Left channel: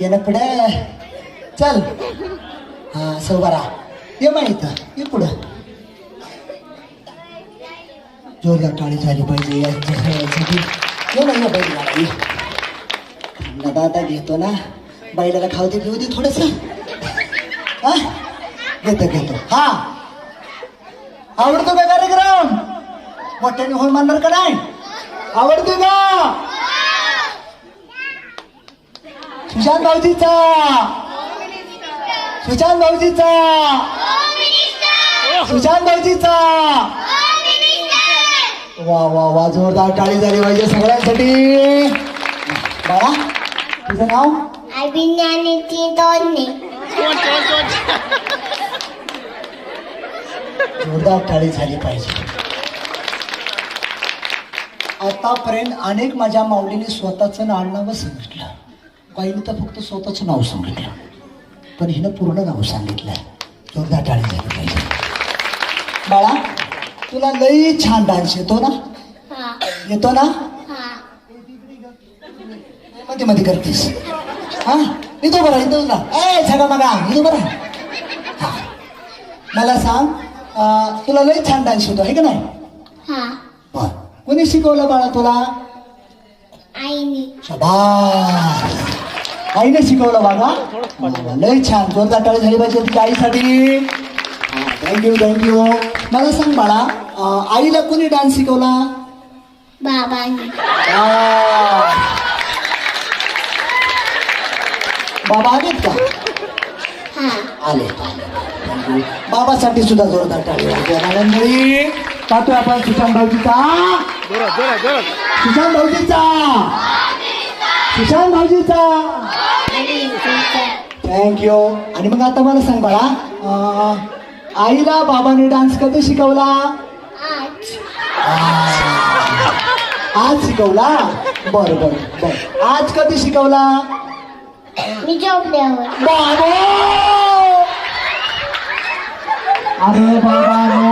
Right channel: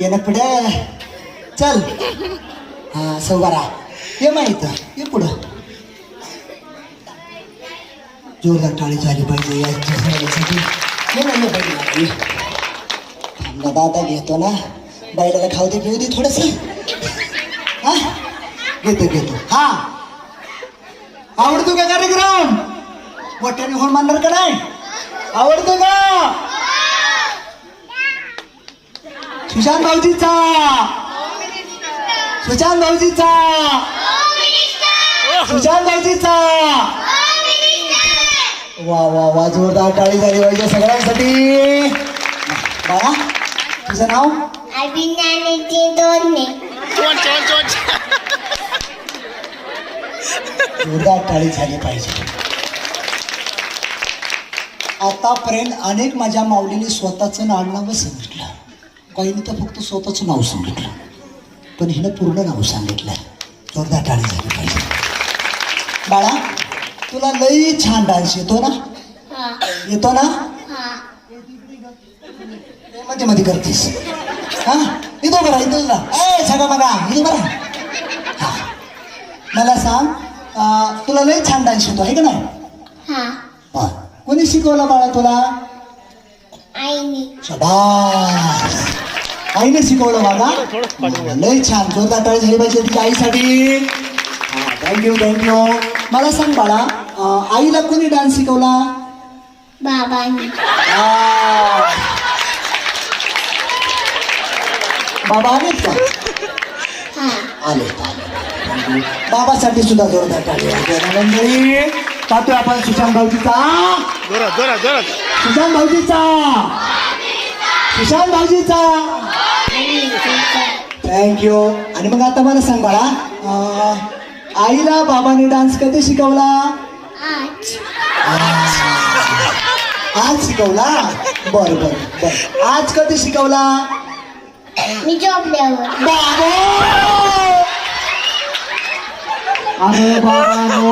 ये ना पुढे चल. हा सौबारा ये माहीत ये पुढं. जोरदार टाळी झाली पाहिजे याच्या सगळ्यासाठी. ये ना बैल लागली दादा आता घेतो ना. बैलाला खाऊ दे पिऊ दे थोडस. हा? घेतो घेतो. हा. आवडतो का कार्यक्रम? मोठ्याने होऊन मानणार का नाही? आवडतो का? सुशांत भाऊजीचा सुशांत भाऊजीचा सुशांत भाऊजीचा वा वा वा जोरदार टाळी झाली पाहिजे सगळ्यांसाठी. बाळा तुझं नाव? अभिज्ञानीचे दोन्ही जोरदार टाळी झाली पाहिजे. आतापर्यंत अनेक माझ्या माऊलीने स्वतःचं नाव सांगितलं. काहींनी तर फक्त स्वतःचं नाव सांगितलं. पण हिनं पूर्ण नाव सांगितलं. जोरदार टाळी झाली पाहिजे. बाळा तुला लई छान डान्स येतो ना? येतो ना? मध्ये मध्ये करतीस. हा? इथं बरं इथं ना ए सगळं बघा इथं बरं हा. मला सांग तुला लई छान डान्स येतो आहे का नाही? कोणी शिकवलं बाळा तुला? शबास. आईने शिकवलं बाबा. लय छान. जोरदार टाळी झाली पाहिजे तुझ्या आईसाठी. थँक्यू थँक्यू मला सांग बाळा आईला कोणी डान्स शिकवला? बाबांनी. बाबा आलेत का? हा. आले. बाबासाठी सुद्धा जोरदार टाळी मंडळी पाहतोय आपण सुशांत भाऊजीचा. सुशांत भाऊजीचा. सुशांत भाऊजीचा थँक्यू आणि मग आता मला सांग बाळा आईला बाबाने डान्स कधी शिकवला? आज. आज शिकवला? बर बर बर. आज कधी शिकवला? मी बाबा